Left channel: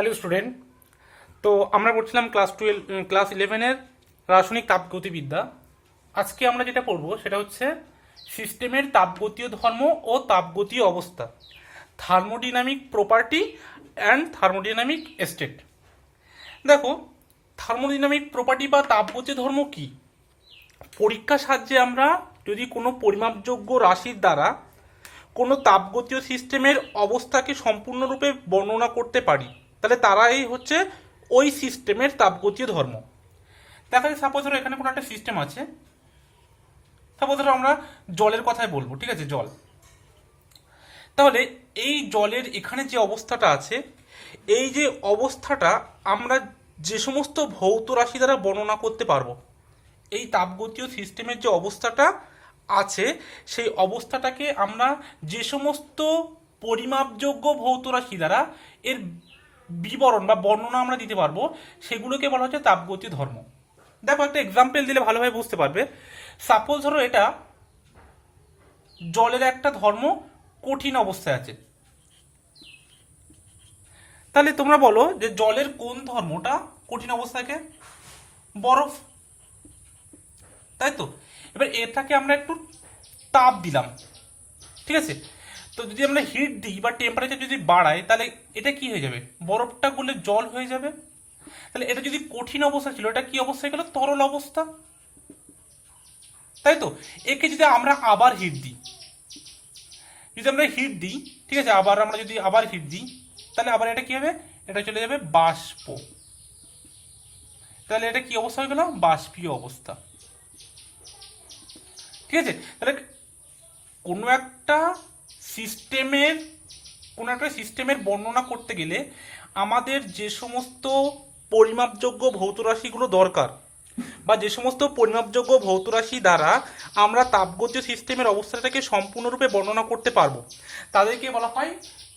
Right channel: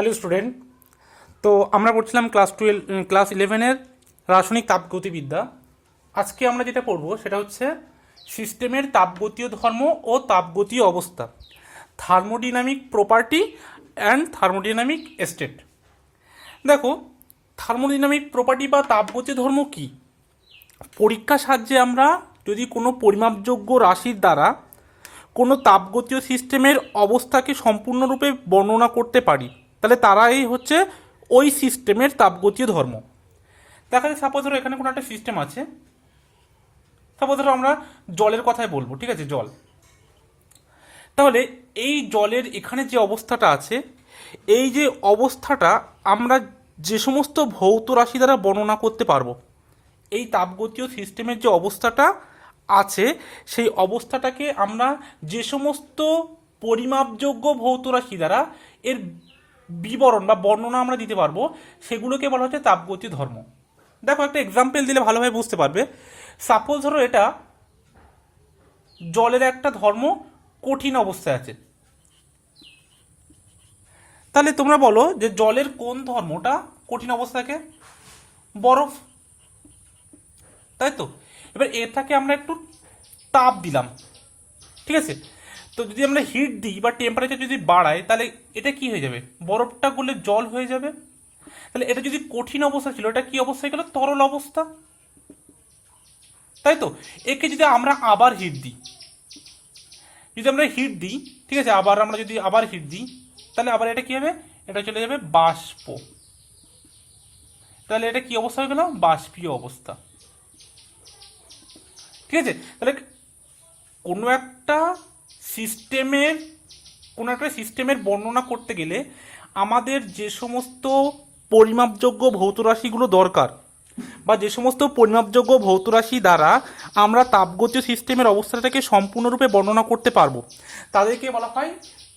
Hello student. তো আমরা পড়ছিলাম ক্লাস 11-এর রাসায়নিক তাপগতিবিদ্যা। আজকে আমরা যেটা পড়ব সেটা হচ্ছে সিস্টেমের তাপগতীয় ধর্ম ও তাপগতীয় অবস্থা, thermodynamic property and thermodynamic state. দেখো, থার্মোডিনামিক প্রপার্টি বা তাপগতীয় ধর্ম কি? পরীক্ষার সাহায্যে আমরা যদি কোনো পরিমাপযোগ্য রাশির দ্বারা কোনো তাপগতীয় সিস্টেমের অবস্থাকে সম্পূর্ণরূপে বর্ণনা করতে পারি, তাহলে তারাই হচ্ছে ওই সিস্টেমের তাপগতীয় ধর্ম। দেখা যায় সাপোজ ধরো এখানে কোনো একটা সিস্টেম আছে, সাপোজ ধরো আমরা জলের কথাই বলবো, ঠিক আছে, জল। তাহলে এই জলের এখানে যে অবস্থাটা আছে, এই যে অবস্থাটা আমরা যে সমস্ত ভৌত রাশি দ্বারা বর্ণনা করতে পারবো, এই তাপগতীয় সিস্টেমের যে অবস্থাটা আছে সেই অবস্থাটাকে আমরা যে সমস্ত পরিমাপযোগ্য ভৌত রাশি দ্বারা এর বিবরণ বা বর্ণনা আমরা দিতে পারবো, সেগুলোকে বলা হচ্ছে তাপগতীয় ধর্ম। দেখো, একটা এক্সাম্পল দিলে ভালোভাবে বুঝতে পারবে। সাপোজ ধরো এটা জলের একটা ধর্ম কঠিন অবস্থায় আছে, তাহলে তোমরা বলো যে জলের কোন ধর্মটা কঠিন অবস্থা থাকে? বরফ, তাই তো। এবার এটাকে আমরা একটু তাপ দিলাম, ঠিক আছে। তো যদি আমরা হিট দিই বা টেম্পারেচার যদি বাড়াই, তাহলে এটা কি হয়ে যাবে? বরফটা গলে জল হয়ে যাবে। তাহলে এটা যদি কঠিন অবস্থা ছিল, এটা কি অবস্থায় গেল? তরল অবস্থা, তাই তো। একে যদি আমরা আবার হিট দিই, ঠিক আছে, আমরা যদি আবার হিট দিই, তাহলে আবার এটা কি হবে? এটা চলে যাবে বাষ্প। তাহলে এটা কি অবস্থা হয়ে গেল? বাষ্পীয় অবস্থা, ঠিক আছে। তাহলে কোনো একটা সিস্টেমের বর্ণনা করতে গেলে আমাদের যে সমস্ত পরিমাপযোগ্য ভৌত রাশিগুলো দরকার, বা যে সমস্ত পরিমাপযোগ্য ভৌত রাশি দ্বারা আমরা তাপগতীয় সিস্টেমের অবস্থাটাকে সম্পূর্ণরূপে বর্ণনা করতে পারবো, তাদেরকে বলা হয়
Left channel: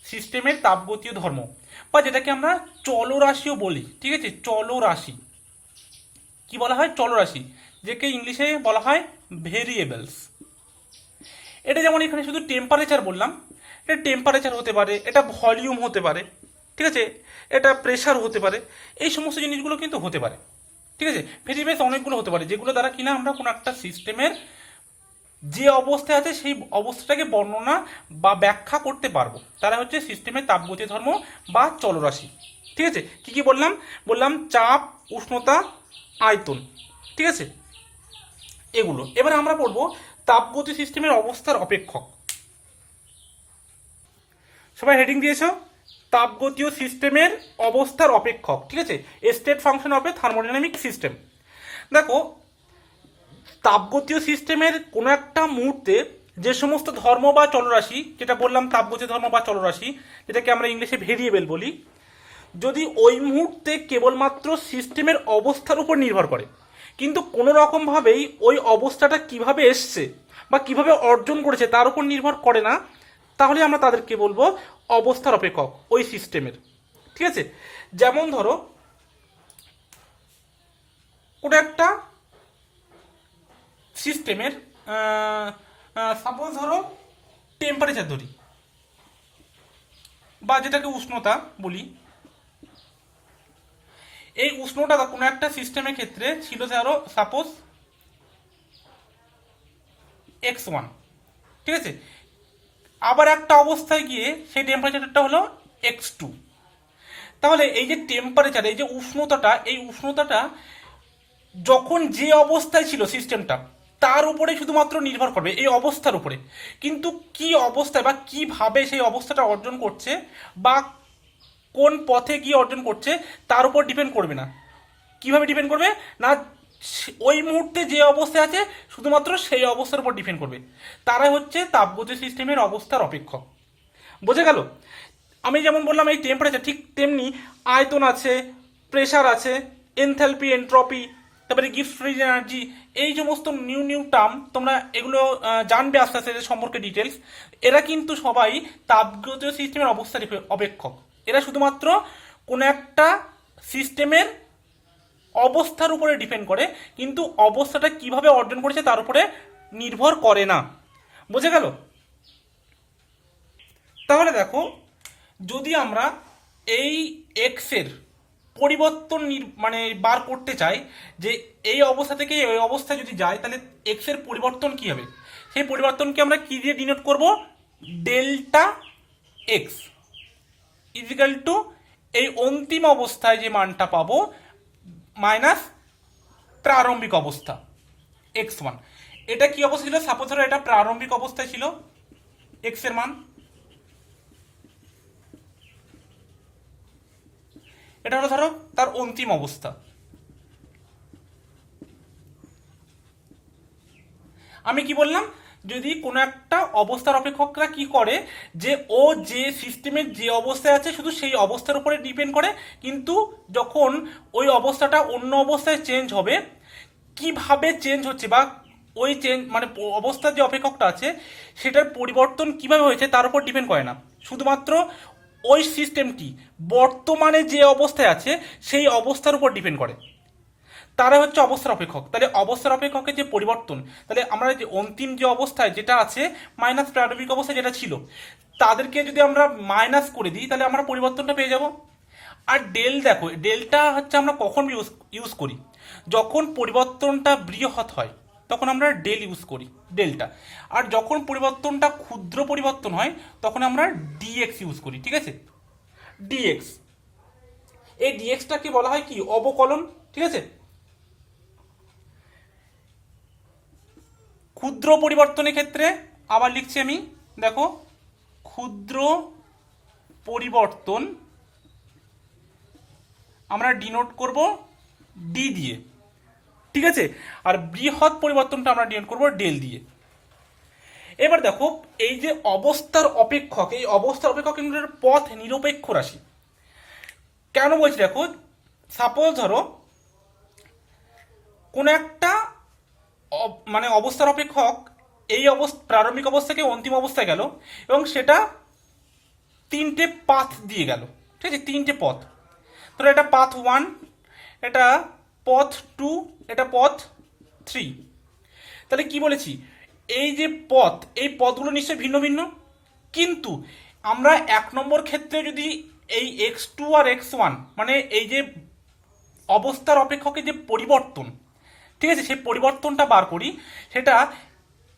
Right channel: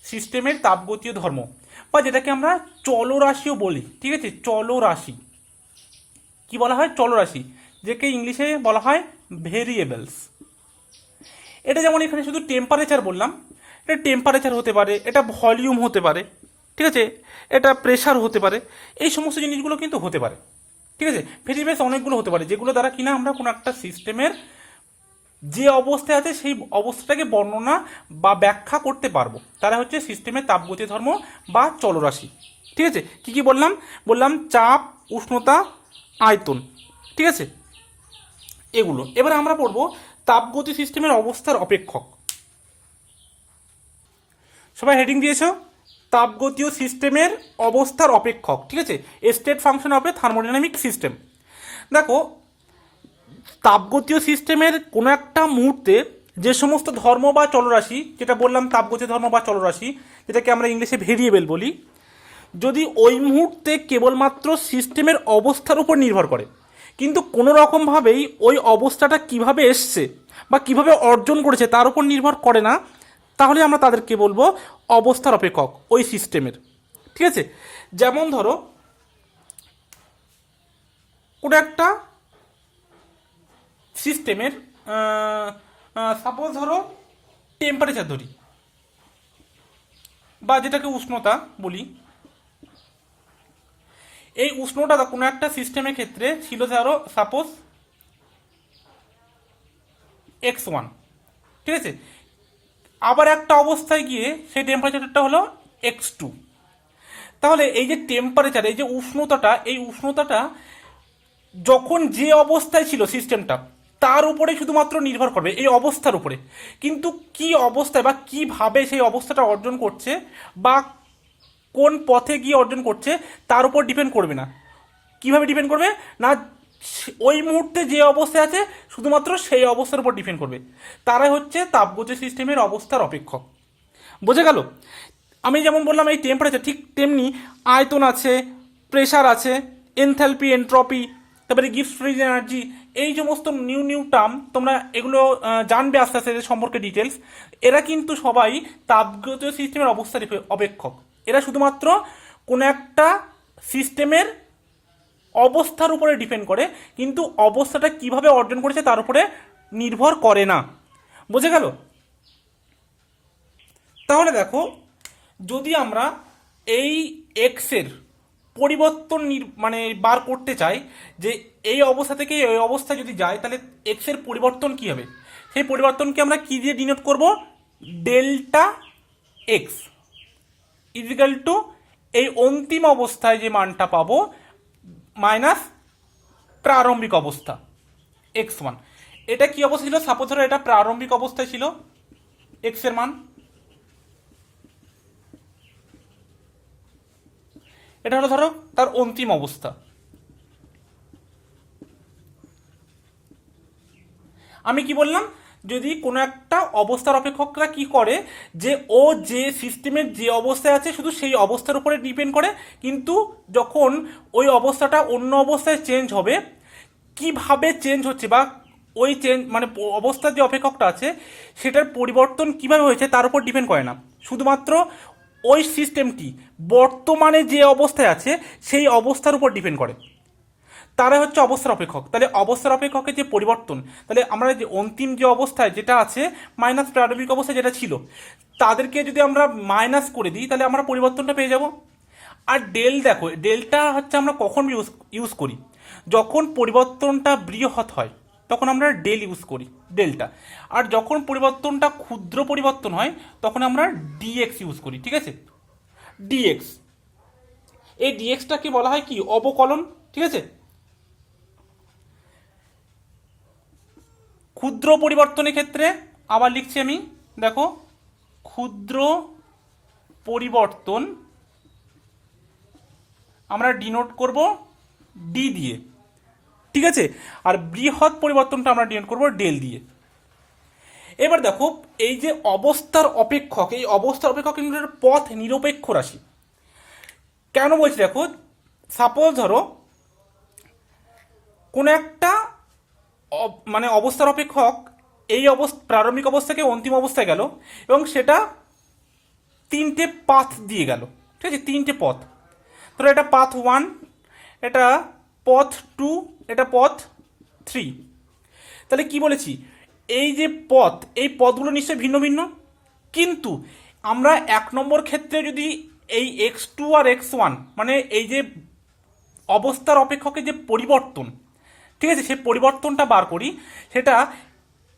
সিস্টেমের তাপগতীয় ধর্ম, বা যেটাকে আমরা চলরাশিও বলি, ঠিক আছে। চলরাশি কি বলা হয়? চলরাশি, যেকে ইংলিশে বলা হয় ভেরিয়েবলস। এটা যেমন এখানে শুধু টেম্পারেচার বললাম, এটা টেম্পারেচার হতে পারে, এটা ভলিউম হতে পারে, ঠিক আছে, এটা প্রেশার হতে পারে, এই সমস্ত জিনিসগুলো কিন্তু হতে পারে, ঠিক আছে। ভেরিয়েবলস অনেকগুলো হতে পারে, যেগুলো দ্বারা কিনা আমরা কোনো একটা সিস্টেমের যে অবস্থায় আছে সেই অবস্থাটাকে বর্ণনা বা ব্যাখ্যা করতে পারবো, তারা হচ্ছে সিস্টেমের তাপগতীয় ধর্ম বা চলরাশি, ঠিক আছে। কি কি বললাম? বললাম চাপ, উষ্ণতা, আয়তন, ঠিক আছে, এগুলো। এবার আমরা পড়বো তাপগতি সিস্টেমের অবস্থার অপেক্ষক। সবাই হেডিং দিয়েছো? তাপগতীয় সিস্টেমের অবস্থার অপেক্ষক, ঠিক আছে, state function of A thermodynamic system. দেখো, তাপগতীয় সিস্টেমের কোনো একটা মুহূর্তে যে সমস্ত ধর্ম বা চলরাশি, যেটা বললাম তাপগতীয় ধর্ম বা চলরাশি, যেটাকে আমরা ইংলিশে ভেরিয়েবল বলি, যদি ওই মুহূর্তে কেবলমাত্র সিস্টেমের অবস্থার উপর নির্ভর করে, কিন্তু কোনো রকমভাবেই ওই অবস্থাটা কিভাবে এসছে বা কিভাবে অর্জন করেছে তার উপর নির্ভর করে না, তাহলে আমরা তাদেরকে বলবো অবস্থার অপেক্ষক ওই সিস্টেমের, ঠিক আছে। যেমন ধরো কোনো একটা সিস্টেমের সাপোজ ধরো টেম্পারেচার ধরি, বা যেটাকে উষ্ণতা বলি। এই উষ্ণতা কোনো একটা সিস্টেমের ক্ষেত্রে ছিল ধরো সাপোজ x1, ঠিক আছে। আবার একটা অবস্থায় গিয়ে সেই টেম্পারেচারটা হলো x2। তাহলে এই যে টেম্পারেচার, এই যে উষ্ণতাটা, এই উষ্ণতাটা যখন যে অবস্থায় ছিল সিস্টেমটা, তার উপরে শুধুমাত্র নির্ভর করবে, এই অবস্থার উপরে। কিন্তু কি অবস্থায় বা কিভাবে সেই অবস্থাটা অর্জন করছে বা কোন পথে গিয়ে অর্জন করছে তার উপর ডিপেন্ড করবে না। কিভাবে ডিপেন্ড করবে না? ওই মুহূর্তে যে অবস্থায় আছে শুধুমাত্র সেই অবস্থার উপর ডিপেন্ড করবে। তারাই হচ্ছে তাপগতীয় সিস্টেমের অবস্থার অপেক্ষক। বোঝা গেল? আমি যেমন বললাম এই টেম্পারেচার, ঠিক তেমনি আয়তন আছে, প্রেশার আছে, এনথালপি, এন্ট্রপি, তারপরে গিবস ফ্রি এনার্জি, এই সমস্ত নিউ টার্ম তোমরা এগুলো জানবে আস্তে আস্তে সম্পর্কে ডিটেলস। এরা কিন্তু সবাই তাপগতীয় সিস্টেমের অবস্থার অপেক্ষক। এরা শুধুমাত্র কোনো একটা সিস্টেমের অবস্থার উপরে ডিপেন্ড করে, কিন্তু অবস্থাটা কিভাবে অর্জন করেছে তার উপরে নির্ভর করে না। বোঝা গেল? তাহলে দেখো, যদি আমরা এই এক্স এর পরিবর্তন মানে বার করতে চাই, যে এই অবস্থা থেকে এই অবস্থায় যদি যায় তাহলে এক্স এর পরিবর্তন কি হবে, সেই পরিবর্তনকে আমরা কি দিয়ে ডিনোট করব, ডেল্টা এক্স ইজিক্যাল টু এই অন্তিম অবস্থায় যে মানটা পাবো মাইনাস প্রারম্ভিক অবস্থা x1। এটা কি অবস্থা ছিল, সাপোজ ধরো এটা প্রারম্ভিক অবস্থায় ছিল x এর মান, এটা হলো ধরো তার অন্তিম অবস্থা। আমি কি বললাম, যদি কোনো একটা অবস্থার অপেক্ষকরা কি করে, যে ও যে সিস্টেমের যে অবস্থায় আছে শুধু সেই অবস্থার উপরে ডিপেন্ড করে, কিন্তু যখন ওই অবস্থাটা অন্য অবস্থায় চেঞ্জ হবে, কিভাবে চেঞ্জ হচ্ছে বা ওই চেঞ্জ মানে অবস্থার যে অপেক্ষকটা আছে সেটার পরিবর্তন কিভাবে হয়েছে তার উপর ডিপেন্ড করে না, শুধুমাত্র ওই সিস্টেমটি বর্তমানে যে অবস্থায় আছে সেই অবস্থার উপর ডিপেন্ড করে, তারা হচ্ছে অবস্থার অপেক্ষক। তাহলে অবস্থার অপেক্ষকের যে পরিবর্তন, তাহলে আমরা যে অন্তিম যে অবস্থায় যেটা আছে মাইনাস প্রারম্ভিক অবস্থায় যেটা ছিল, তাদেরকে যদি আমরা মাইনাস করে দিই তাহলে আমরা পরিবর্তনটা পেয়ে যাব। আর দেখো ডেলটা হচ্ছে আমরা কখন ইউজ করি, যখন পরিবর্তনটা বৃহৎ হয় তখন আমরা ডেল ইউজ করি ডেলটা, আর যখন পরিবর্তনটা ক্ষুদ্র পরিবর্তন হয় তখন আমরা ডিএক্স ইউজ করি। ঠিক আছে, ডিএক্স, এই ডিএক্সটাকে বলা হয় কি, অবকলন। ঠিক আছে, ক্ষুদ্র পরিবর্তনের ক্ষেত্রে আবার লিখছি আমি, দেখো ক্ষুদ্র পরিবর্তন আমরা ডিনোট করব ডি দিয়ে। ঠিক আছে, আর বৃহৎ পরিবর্তনটা আমরা ডিনোট করব ডেল দিয়ে। এবার দেখো এই যে অবস্থার অপেক্ষক, এই অবস্থার অপেক্ষক কিন্তু পথ নিরপেক্ষ রাশি। কেন বলছি দেখো, সাপোজ ধরো কোন একটা মানে অবস্থার অপেক্ষক এই প্রারম্ভিক অবস্থা থেকে অন্তিম অবস্থায় গেল এবং সেটা তিনটে পাথ দিয়ে গেল। ঠিক আছে, তিনটে পথ, ধরো এটা পাথ 1, এটা পথ 2, এটা পথ 3। তাহলে কি বলেছি, এই যে পথ, এই পথগুলো নিশ্চয়ই ভিন্ন ভিন্ন, কিন্তু আমরা 1 নম্বর ক্ষেত্রে যদি এই x2 আর x1 মানে এই যে অবস্থার অপেক্ষকের যে পরিবর্তন, ঠিক আছে, সেই পরিবর্তনটা বার করি, সেটা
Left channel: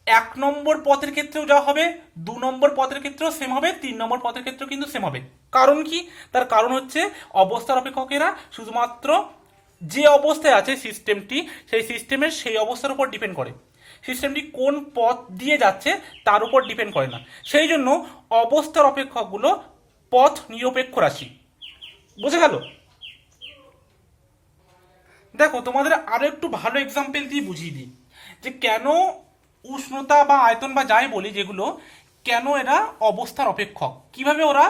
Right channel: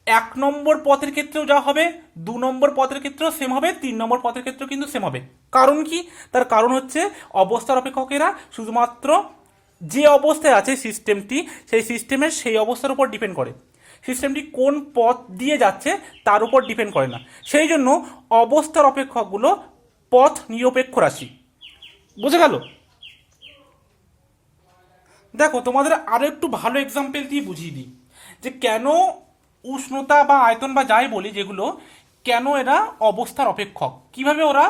1 নম্বর পথের ক্ষেত্রেও যা হবে, 2 নম্বর পথের ক্ষেত্রেও সেম হবে, 3 নম্বর পথের ক্ষেত্রেও কিন্তু সেম হবে। কারণ কি, তার কারণ হচ্ছে অবস্থার অপেক্ষকেরা শুধুমাত্র যে অবস্থায় আছে সিস্টেমটি, সেই সিস্টেমের সেই অবস্থার উপর ডিপেন্ড করে, সিস্টেমটি কোন পথ দিয়ে যাচ্ছে তার উপর ডিপেন্ড করে না। সেই জন্য অবস্থার অপেক্ষকগুলো পথ নিরপেক্ষ রাশি। বুঝে গেল? দেখো তোমাদের আরো একটু ভালো এক্সাম্পল দিয়ে বুঝিয়ে দিই যে কেন উষ্ণতা বা আয়তন বা যাই বলি যেগুলো, কেন এরা অবস্থার অপেক্ষক, কিভাবে ওরা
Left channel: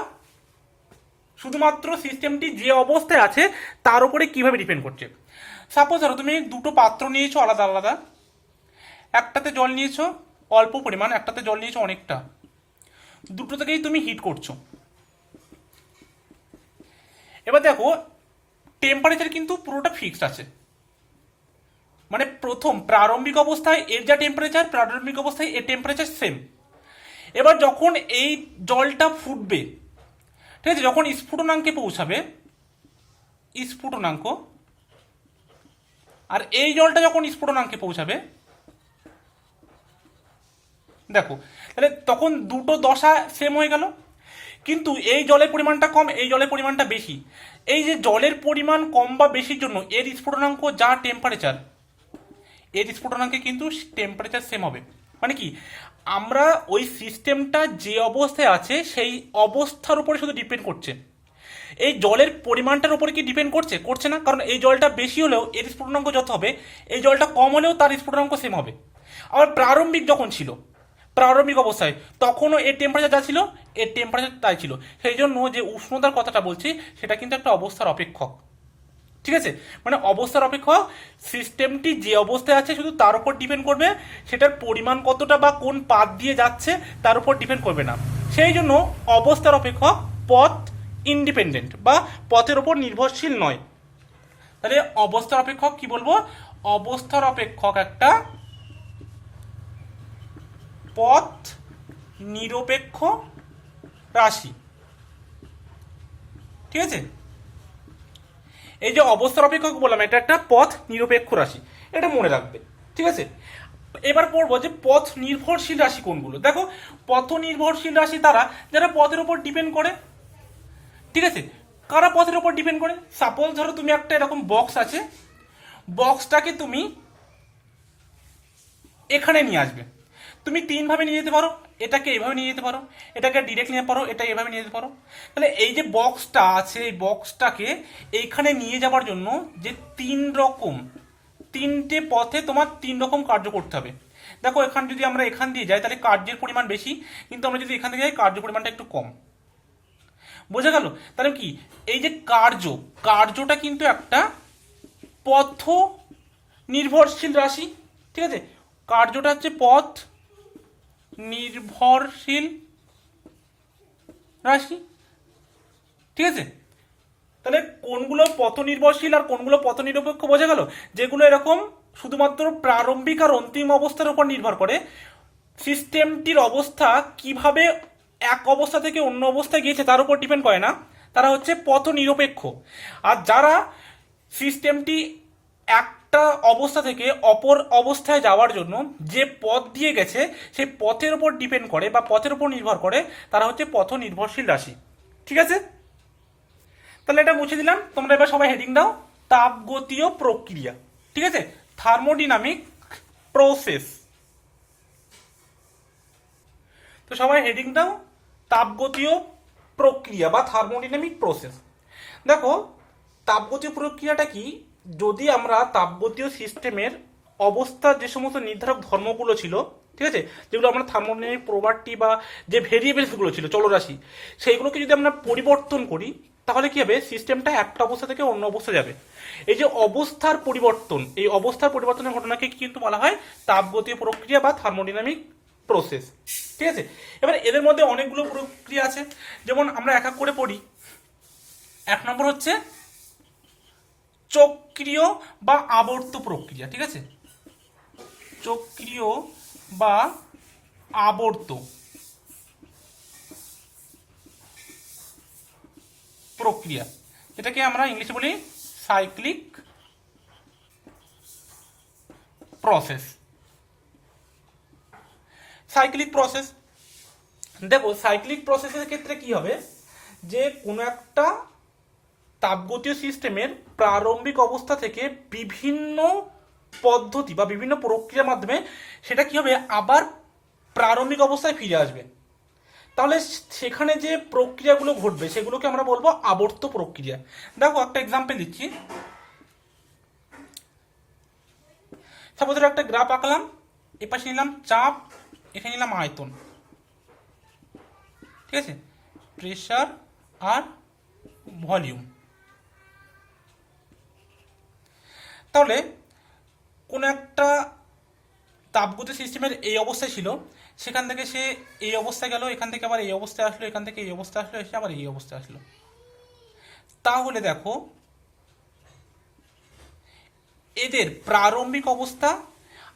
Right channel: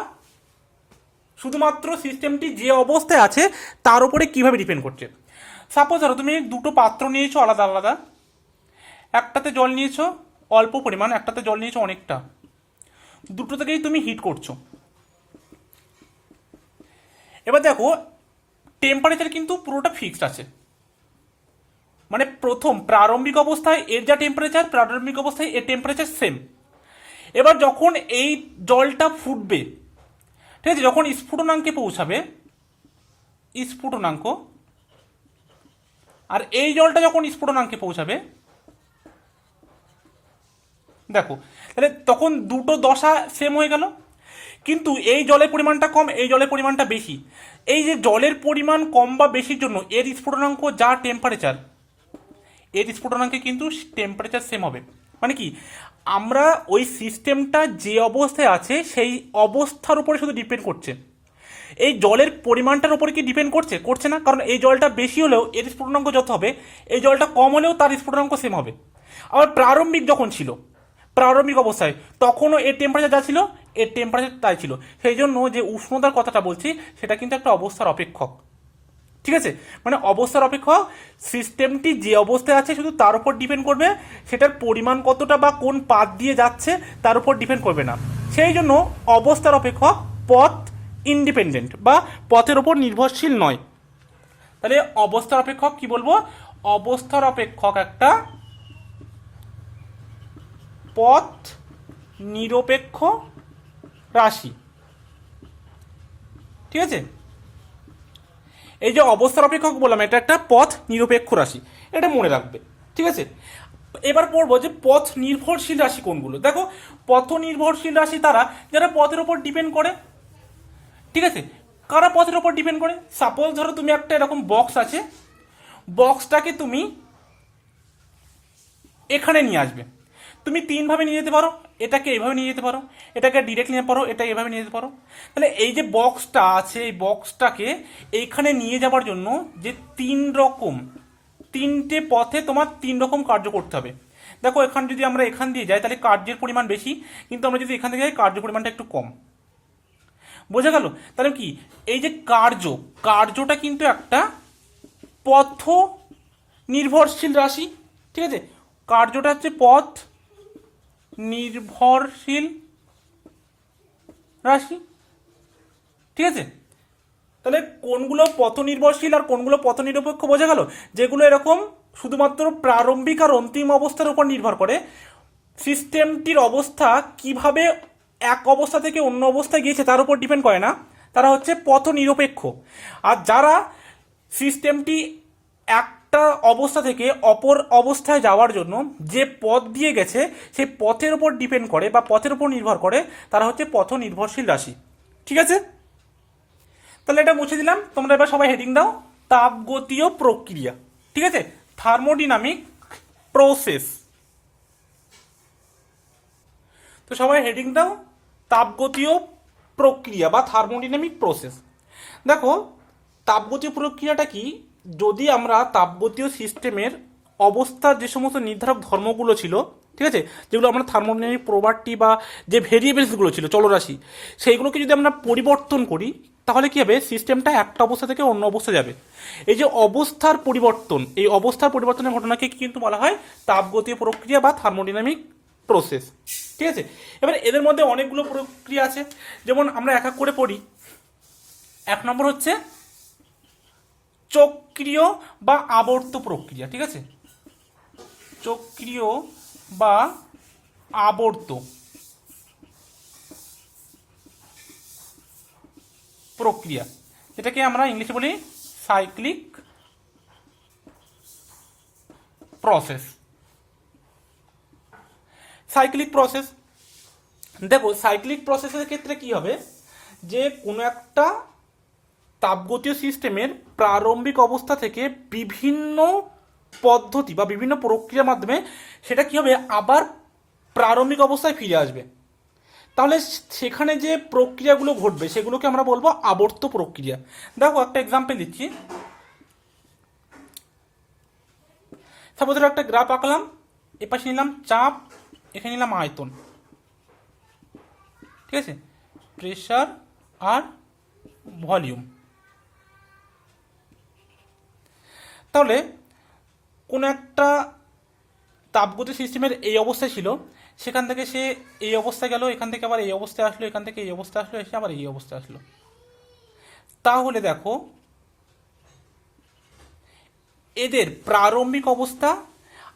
শুধুমাত্র সিস্টেমটি যে অবস্থায় আছে তার উপরে কিভাবে ডিপেন্ড করছে। সাপোজ ধরো তুমি দুটো পাত্র নিয়েছো আলাদা আলাদা, একটাতে জল নিয়েছো অল্প পরিমাণ, একটাতে জল নিয়েছো অনেকটা, দুটো থেকেই তুমি হিট করছো। এবার দেখো টেম্পারেচার কিন্তু পুরোটা ফিক্সড আছে, মানে প্রথম প্রারম্ভিক অবস্থায় এর যা টেম্পারেচার, প্রারম্ভিক অবস্থায় এর টেম্পারেচার সেম। এবার যখন এই জলটা ফুটবে, ঠিক আছে, যখন স্ফুটনাঙ্কে পৌঁছাবে, স্ফুটনাঙ্ক, আর এই জলটা যখন স্ফুটনাঙ্কে পৌঁছাবে, দেখো তাহলে তখন দুটো দশা সেম হয়ে গেল, কিন্তু এই জলের পরিমাণটা কম, এই জলের পরিমাণটা বেশি। এই যে জলের পরিমাণ কম বা বেশির জন্য এর স্ফুটনাঙ্ক যা টেম্পারেচার, এর স্ফুটনাঙ্কে কিন্তু টেম্পারেচার সেম হবে। মানে কি, আমরা ওই সিস্টেমটা যে অবস্থায় আছে সেই অবস্থার উপরে শুধু ডিপেন্ড করছে, এই জলের পরিমাণটার উপরে কি ডিপেন্ড করছে? করছে না, কারণ এই জলটা বেশি হলেও এর স্ফুটনাঙ্ক যত হবে, এই জলটা কম হলেও তার স্ফুটনাঙ্ক সেম হবে। আবার প্রারম্ভিক যখন ছিল, প্রারম্ভিক অবস্থায় তখনও এর টেম্পারেচার যা ছিল এর টেম্পারেচার তাই ছিল। সেই জন্য যে উষ্ণতার কথাটা বলছি সেটা কিন্তু একটা অবস্থার অপেক্ষক। ঠিক আছে, মানে অবস্থার অপেক্ষক সিস্টেমটি যে অবস্থায় আছে শুধু তার উপর ডিপেন্ড করবে, সেটার পরিমাণ কতটা বা কোন পাথ দিয়ে যাচ্ছে তার উপর ডিপেন্ড করবে না। সেই জন্য অবস্থার অপেক্ষক পথ ইন্ডিপেন্ডেন্ট বা পথের উপর নির্ভরশীল নয়। তাহলে অবস্থার অপেক্ষক কি বলবো, অবস্থার অপেক্ষক একটা পথ নিরপেক্ষ রাশি। ঠিক আছে, এই যে অবস্থার অপেক্ষক বললাম, এটা একটা পথ নিরপেক্ষ রাশি, এটা মনে রাখবে, ঠিক আছে। এবার পড়বো যে পথ নির্ভরশীল রাশি কোনগুলো। দেখো, পথ নির্ভরশীল রাশি তারা যারা পথের উপর ডিপেন্ড করে, ঠিক আছে। কারা পথের উপর ডিপেন্ড করে? সাপোজ ধরো তুমি একটা এরকম বক্স আছে, বক্সটাকে তুমি এখানে নিয়ে আসবে, তুমি তিনভাবে নিয়ে যেতে পারো, এটাকে এইভাবে নিয়ে যেতে পারো, এটাকে ডিরেক্ট নিতে পারো, এটা এভাবে নিয়ে যেতে পারো। তাহলে এই যে বক্সটা আছে, এই বক্সটাকে এইখানে নিয়ে যাওয়ার জন্য যে তিনটে পথে তোমার তিন রকম কার্য করতে হবে। দেখো, এখানে যদি আমরা এখান দিয়ে যাই তাহলে কার্যের পরিমাণ বেশি, কিন্তু আমরা যদি এখান থেকে যাই কার্যের পরিমাণটা একটু কম। বোঝা গেল? তাহলে কি এই যে কার্যটা কিন্তু একটা পথ নির্ভরশীল রাশি, ঠিক আছে। কার্যটা হচ্ছে পথ নির্ভরশীল রাশি, ঠিক আছে। তাহলে কোনগুলো পথ নির্ভরশীল আর কোনগুলো পথ নিরপেক্ষ বোঝা গেল? যেগুলো এরকম শুধুমাত্র প্রারম্ভিক আর অন্তিম অবস্থার উপর নির্ভর করে, সিস্টেমটির অবস্থা কিভাবে এক অবস্থা থেকে অন্য অবস্থায় গিয়েছে তার উপর ডিপেন্ড করে না, তারা হচ্ছে পথ নিরপেক্ষ। আর যারা সিস্টেমটি একটা অবস্থা থেকে অপর অবস্থায় যাওয়ার জন্য যে পথ দিয়ে গেছে সেই পথের উপর ডিপেন্ড করে বা পথের উপর নির্ভর করে, তারা হচ্ছে পথ নির্ভরশীল রাশি, ঠিক আছে। তাহলে এটা মুছে দিলাম। তোমরা এবার সবাই হেডিং দাও, তাপগতীয় প্রক্রিয়া, ঠিক আছে, থার্মোডিনামিক প্রসেস। তো সবাই হেডিং দাও, তাপগতীয় প্রক্রিয়া বা থার্মোডিনামিক প্রসেস। দেখো, তাপগতীয় প্রক্রিয়াটা কি? যদি আমরা তাপগতীয় সিস্টেমের অবস্থার যে সমস্ত নির্ধারক ধর্মগুলো ছিল, ঠিক আছে, যেগুলো আমরা থার্মোডিনামিক প্রপার্টি বা যে ভেরিয়েবলসগুলো ছিল, চলরাশি, সেইগুলোকে যদি আমরা পরিবর্তন করি তাহলে কি হবে? সিস্টেমটা একটা অবস্থা থেকে অন্য অবস্থায় যাবে। এই যে অবস্থার পরিবর্তন, এই অবস্থার পরিবর্তনের ঘটনাকে কিন্তু বলা হয় তাপগতীয় প্রক্রিয়া বা থার্মোডিনামিক প্রসেস, ঠিক আছে। এবার এদের মধ্যে অনেকগুলো প্রক্রিয়া আছে, যেমন আমরা এক এক করে পড়ি। এক নম্বর হচ্ছে চক্রীয় বা আবর্ত প্রক্রিয়া, ঠিক আছে, চক্রীয় বা আবর্ত প্রক্রিয়া, এটাকে আমরা ইংলিশে বলি সাইক্লিক প্রসেস। সাইক্লিক প্রসেস, দেখো সাইক্লিক প্রসেসের ক্ষেত্রে কি হবে, যে কোনো একটা তাপগতীয় সিস্টেমের প্রারম্ভিক অবস্থা থেকে বিভিন্ন পদ্ধতি বা বিভিন্ন প্রক্রিয়ার মাধ্যমে সেটা কি হবে? আবার প্রারম্ভিক অবস্থায় ফিরে আসবে। তাহলে সেখানে যে প্রক্রিয়াগুলো ঘটবে সেগুলোকে আমরা বলবো আবর্ত প্রক্রিয়া। দেখো, একটা এক্সাম্পল দিচ্ছি। সাপোজ একটা গ্রাফ আঁকলাম, এপাশে নিলাম চাপ, এখানে নিলাম আয়তন, ঠিক আছে, প্রেসার আর ভলিউম। তাহলে কোন একটা তাপগতীয় সিস্টেমের এই অবস্থায় ছিল, সেখান থেকে সে এই অবস্থায় গেল, এখান থেকে আবার এই অবস্থায় আসলো, এখান থেকে এই অবস্থায় আসলো, এসে আবার এই অবস্থায় আসলো। তাহলে দেখো, এদের প্রারম্ভিক অবস্থা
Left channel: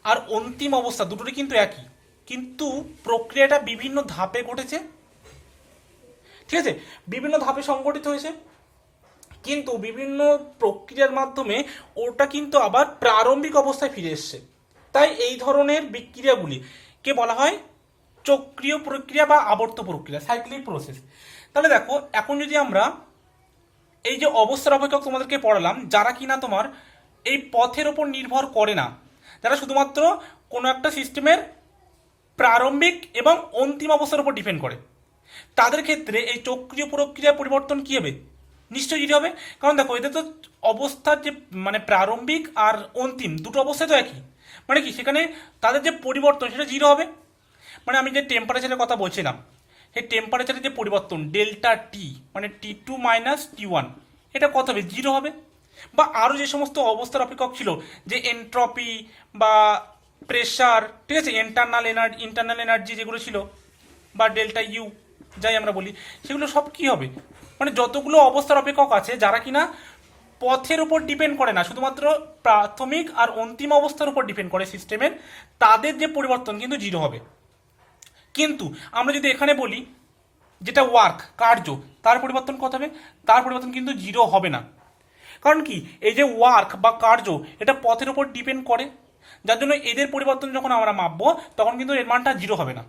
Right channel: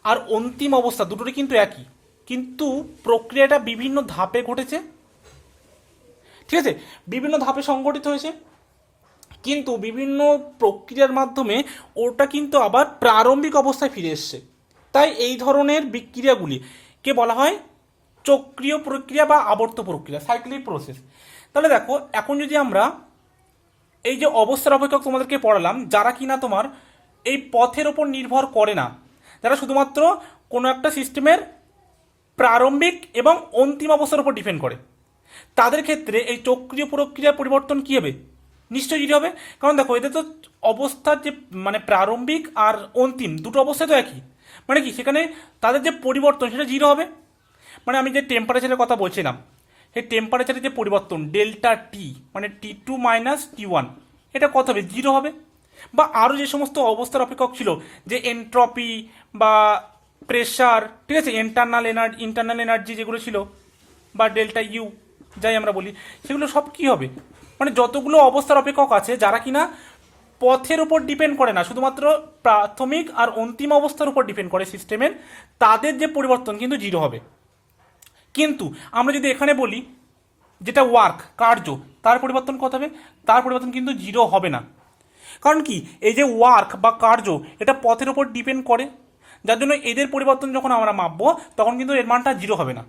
আর অন্তিম অবস্থা দুটোরই কিন্তু একই, কিন্তু প্রক্রিয়াটা বিভিন্ন ধাপে ঘটেছে, ঠিক আছে, বিভিন্ন ধাপে সংগঠিত হয়েছে, কিন্তু বিভিন্ন প্রক্রিয়ার মাধ্যমে ওটা কিন্তু আবার প্রারম্ভিক অবস্থায় ফিরে এসছে। তাই এই ধরনের বিক্রিয়াগুলি কে বলা হয় চক্রীয় প্রক্রিয়া বা আবর্ত প্রক্রিয়া, সাইক্লিক প্রসেস। তাহলে দেখো, এখন যদি আমরা এই যে অবস্থার অপেক্ষক তোমাদেরকে পড়ালাম, যারা কিনা তোমার এই পথের ওপর নির্ভর করে না, যারা শুধুমাত্র কোনো একটা সিস্টেমের প্রারম্ভিক এবং অন্তিম অবস্থার উপর ডিপেন্ড করে, তাদের ক্ষেত্রে এই চক্রীয় প্রক্রিয়ার পরিবর্তন কি হবে? নিশ্চয়ই জিরো হবে। কারণ দেখো, এতে তো অবস্থার যে মানে প্রারম্ভিক আর অন্তিম দুটো অবস্থা তো একই, মানে কি সেখানে তাদের যে পরিবর্তন সেটা জিরো হবে। মানে আমি যে টেম্পারেচারের কথা বলছিলাম, সেই টেম্পারেচারের যে পরিবর্তন ডেল্টা টি, মানে T2 মাইনাস T1, এটা কত হবে? জিরো হবে। বা আরও যে সমস্ত অবস্থার অপেক্ষক ছিল, যে এন্ট্রপি বা প্রেসার, ঠিক আছে, ইন্টারনাল এনার্জি যেগুলো ছিল, বা ডেল্টা ইউ যাই আমরা বলি, সেগুলো সব কি হবে? মানে যতগুলো অবস্থার অপেক্ষক আছে যারা কিনা পথের উপর ডিপেন্ড করে না, শুধুমাত্র প্রাথমিক আর অন্তিম অবস্থার উপর ডিপেন্ড করে সিস্টেমের, তাদের যে পরিবর্তন কিন্তু জিরো হবে। কিন্তু আমরা যদি এখানে বলি যেটা ওয়ার্ক, কার্য, তার পরিবর্তন কত হবে? তার পরিবর্তন কিন্তু জিরো হবে না। কারণ কি, এই যে ওয়ার্ক বা কার্য, এটা পথের উপর ডিপেন্ড করে, যার জন্য এদের পরিবর্তন যখন আমরা মাপবো তখন কিন্তু এর মানটা 0 হবে না।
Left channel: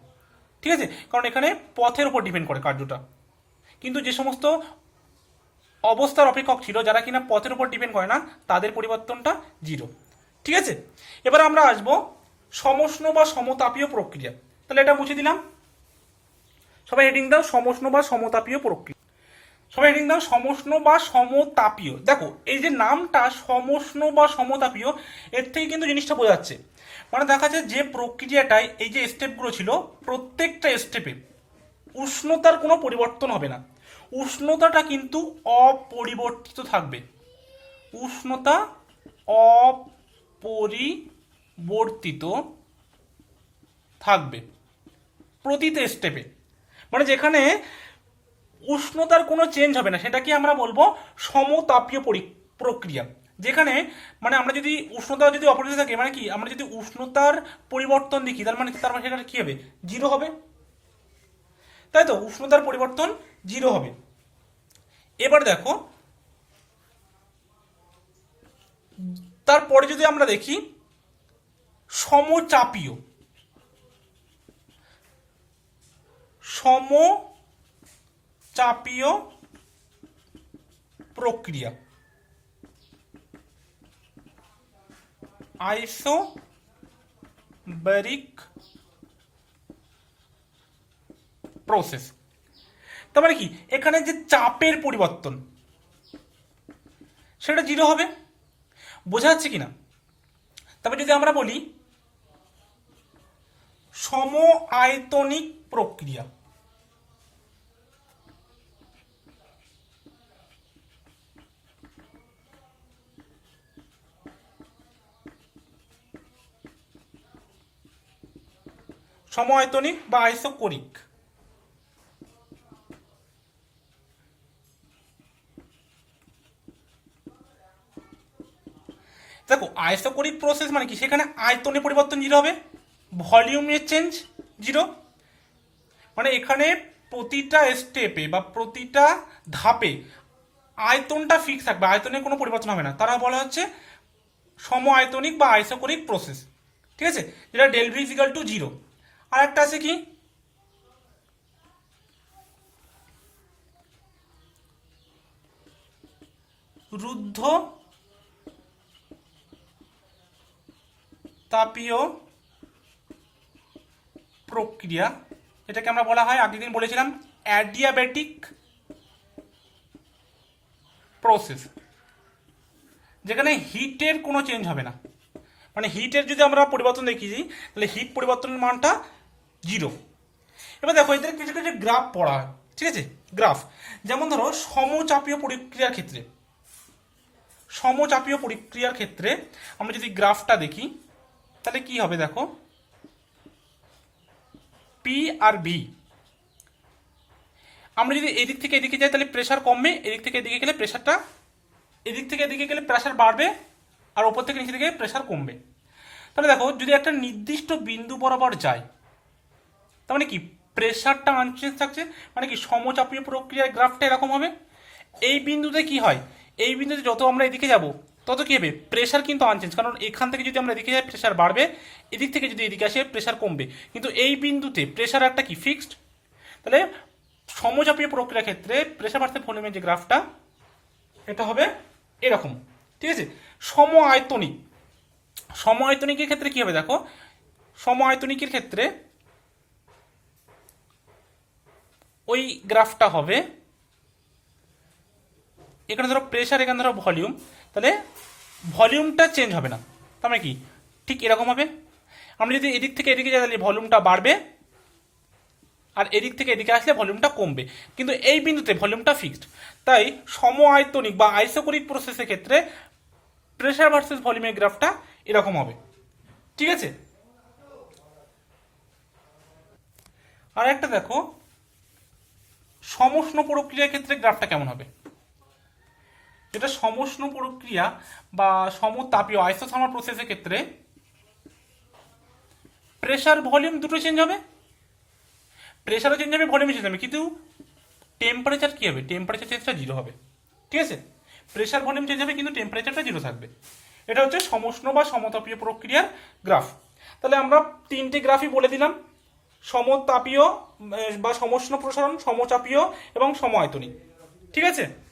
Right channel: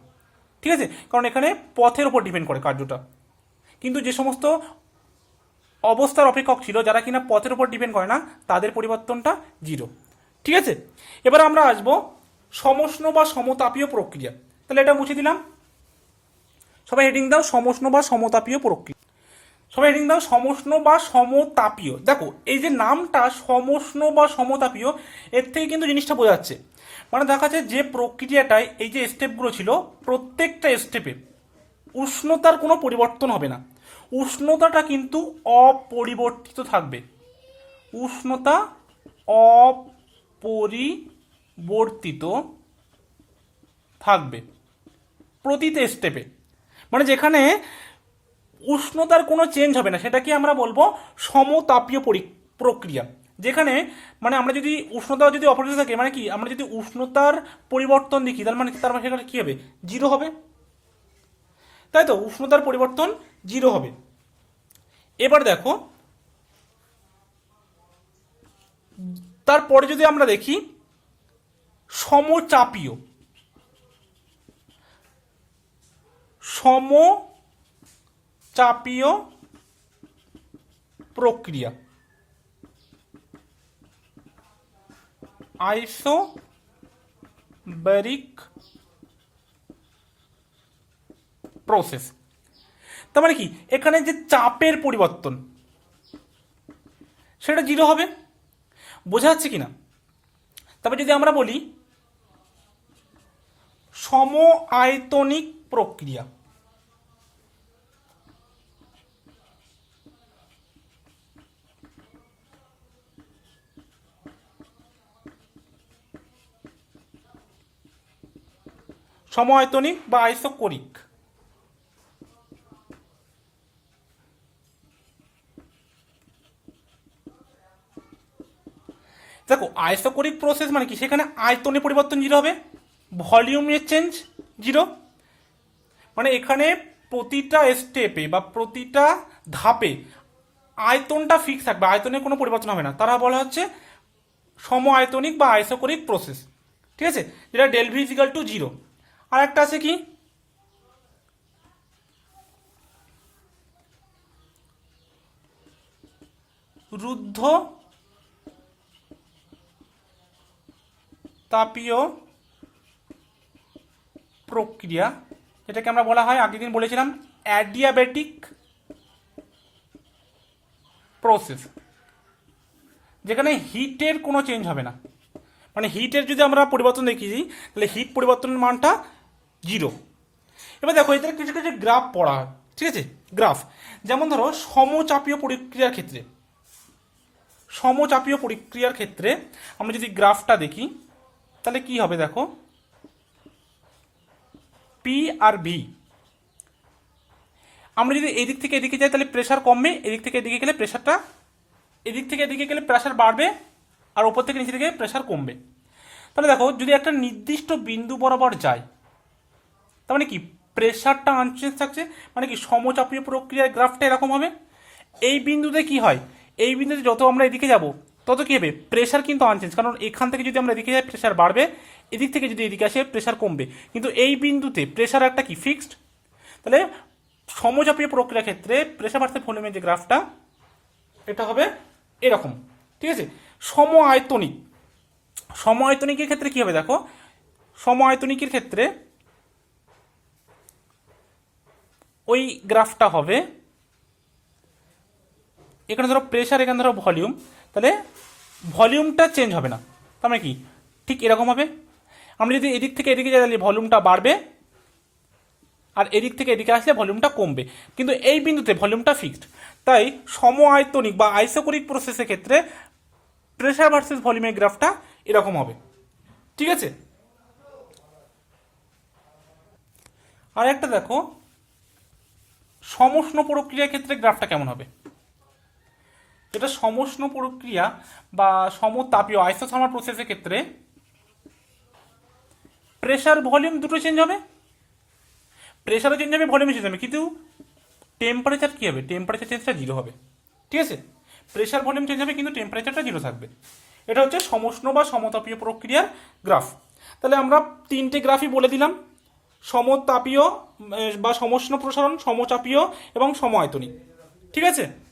ঠিক আছে, কারণ এখানে পথের উপর ডিপেন্ড করে কার্যটা। কিন্তু যে সমস্ত অবস্থার অপেক্ষক ছিল, যারা কিনা পথের উপর ডিপেন্ড করে না, তাদের পরিবর্তনটা 0। ঠিক আছে, এবার আমরা আসবো সমষ্ণ বা সমতাপীয় প্রক্রিয়া। তাহলে এটা মুছে দিলাম। সবাই হেডিং দাও সমষ্ণ বা সমতাপীয় প্রক্রিয়া। সবাই হেডিং দাও সমষ্ণ বা সমতাপীয়। দেখো এই যে নামটা সমষ্ণ বা সমতাপীয়, এর থেকে কিন্তু জিনিসটা বোঝা যাচ্ছে। মানে দেখা যাচ্ছে যে প্রক্রিয়াটায় এই যে স্টেপগুলো ছিল, প্রত্যেকটা স্টেপে উষ্ণতার কোনো পরিবর্তন হবে না, উষ্ণতাটা কিন্তু অপরিবর্তিত থাকবে। উষ্ণতা অপরিবর্তিত থাকবে প্রতিটা স্টেপে। মানে যেখানে উষ্ণতার কোনো চেঞ্জ হবে না, সেটাকে আমরা বলবো সমতাপীয় প্রক্রিয়া। যেখানে মানে আমরা যদি উষ্ণতা যদি অপরিবর্তিত থাকে, মানে কি, আমরা যদি উষ্ণতার পরিবর্তন দেখি, তার মানে সেখানে কি হবে, 0 হবে, তাই তো, উষ্ণতার পরিবর্তন 0 হবে। এবার দেখো তারপরে যদি আমরা দেখি সমচাপীয়। সমচাপীয় প্রক্রিয়া, আইসোবারিক প্রসেস। তার মানে কি, এখানে যে চাপের পরিবর্তন সেটা 0 হবে। বোঝা যাচ্ছে কিনা? তারপর যদি আমরা বলি সম আয়তনিক প্রক্রিয়া, সম আয়তনিক বা আইসোকোরিক। দেখো আইসোকোরিক প্রসেস মানে কি, সেখানে আয়তনের পরিবর্তন 0 হবে, ভলিউমের চেঞ্জ 0। মানে এখানে প্রতিটা স্টেপে বা প্রতিটা ধাপে আয়তনটা ফিক্স থাকবে, আয়তনের কোনো পরিবর্তন হবে না, তারা বলা হচ্ছে সম আয়তনিক বা আইসোকোরিক প্রসেস। ঠিক আছে, যেটা ডেল ভি ইকুয়াল টু 0। আর একটা আছে কি, রুদ্ধ তাপীয় প্রক্রিয়া, এটাকে আমরা বলা হয়, আগের দিন বলেছিলাম, অ্যাডিয়াবেটিক প্রসেস, যেখানে হিটের কোনো চেঞ্জ হবে না। মানে হিটের যদি আমরা পরিবর্তন দেখি, তাহলে হিট পরিবর্তনের মানটা 0। এবার দেখো এদের কিছু কিছু গ্রাফ পড়া, ঠিক আছে, গ্রাফ। যেমন ধরো সমচাপীয় প্রক্রিয়ার ক্ষেত্রে, সমচাপীয় প্রক্রিয়ার ক্ষেত্রে আমরা যদি গ্রাফটা দেখি তাহলে কি হবে, দেখো পি আর বি। আমরা যদি এদিক থেকে এদিকে যাই তাহলে প্রেসার কমবে, এদিক থেকে এদিকে গেলে প্রেসারটা, এদিক থেকে এদিকে গেলে প্রেসার বাড়বে, আর ওপর থেকে নিচে থেকে প্রেসার কমবে। তাহলে দেখো যদি একটা নির্দিষ্ট বিন্দু বরাবর যায়, তার মানে কি প্রেসারটা আনচেঞ্জ থাকছে, মানে কি সমচাপীয় প্রক্রিয়ার গ্রাফটা এরকম হবে। এই বিন্দুতে কি হয়, এই বিন্দুতে যত আমরা এদিকে যাব তত কি হবে, প্রেসার কিন্তু আনচেঞ্জ, কারণ এখান থেকে যদি আমরা এদিকে যাই প্রেসার বাড়বে, এদিক থেকে যদি এদিকে আসে প্রেসার কমবে, কিন্তু এই বিন্দুতে প্রেসার একটা কি ফিক্সড। তাহলে সমচাপীয় প্রক্রিয়ার ক্ষেত্রে প্রেসার ভার্সেস ভলিউমের যে গ্রাফটা, এটা হবে এরকম। ঠিক আছে, সম আয়তনিক, সম আয়তনিকের ক্ষেত্রে কি হবে, দেখো সম আয়তনিকের ক্ষেত্রে ওই গ্রাফটা হবে, এখানে ধরো প্রেসার, এখানে ধরো ভলিউম, তাহলে ভলিউমটা চেঞ্জ হবে না, তার মানে কি ঠিক এরকম হবে। আমরা যদি এদিক থেকে এদিকে যাই তাহলে ভলিউমটা বাড়বে, আর এদিক থেকে এদিকে আসলে ভলিউমটা কমবে, কিন্তু এই বিন্দুতে ভলিউমটা ফিক্সড। তাই সম আয়তনিক বা আইসোকোরিক প্রসেসের ক্ষেত্রে প্রেসার ভার্সেস ভলিউমের গ্রাফটা এরকম হবে। ঠিক আছে, আর একটা দেখো সমষ্ণ প্রক্রিয়ার ক্ষেত্রে গ্রাফটা কেমন হবে। এটা সমষ্ণ প্রক্রিয়া বা সমতাপীয় আইসোথার্মাল প্রসেসের ক্ষেত্রে প্রেসার ভলিউম দুটো চেঞ্জ হবে, প্রেসারও চেঞ্জ হবে, ভলিউমও চেঞ্জ হবে, কিন্তু টেম্পারেচার কি হবে, টেম্পারেচার চেঞ্জটা 0 হবে। ঠিক আছে, প্রেশার ভলিউম চেঞ্জ হবে কিন্তু টেম্পারেচারটা জিরো থাকবে। এটা হচ্ছে সমষ্ণ বা সমতাপীয় প্রক্রিয়ার গ্রাফ। তাহলে আমরা তিনটে গ্রাফই বলে দিলাম, সমতাপীয় বা সমষ্ণ প্রসারণ, সমচাপীয় এবং সম আয়তনিক। ঠিক আছে।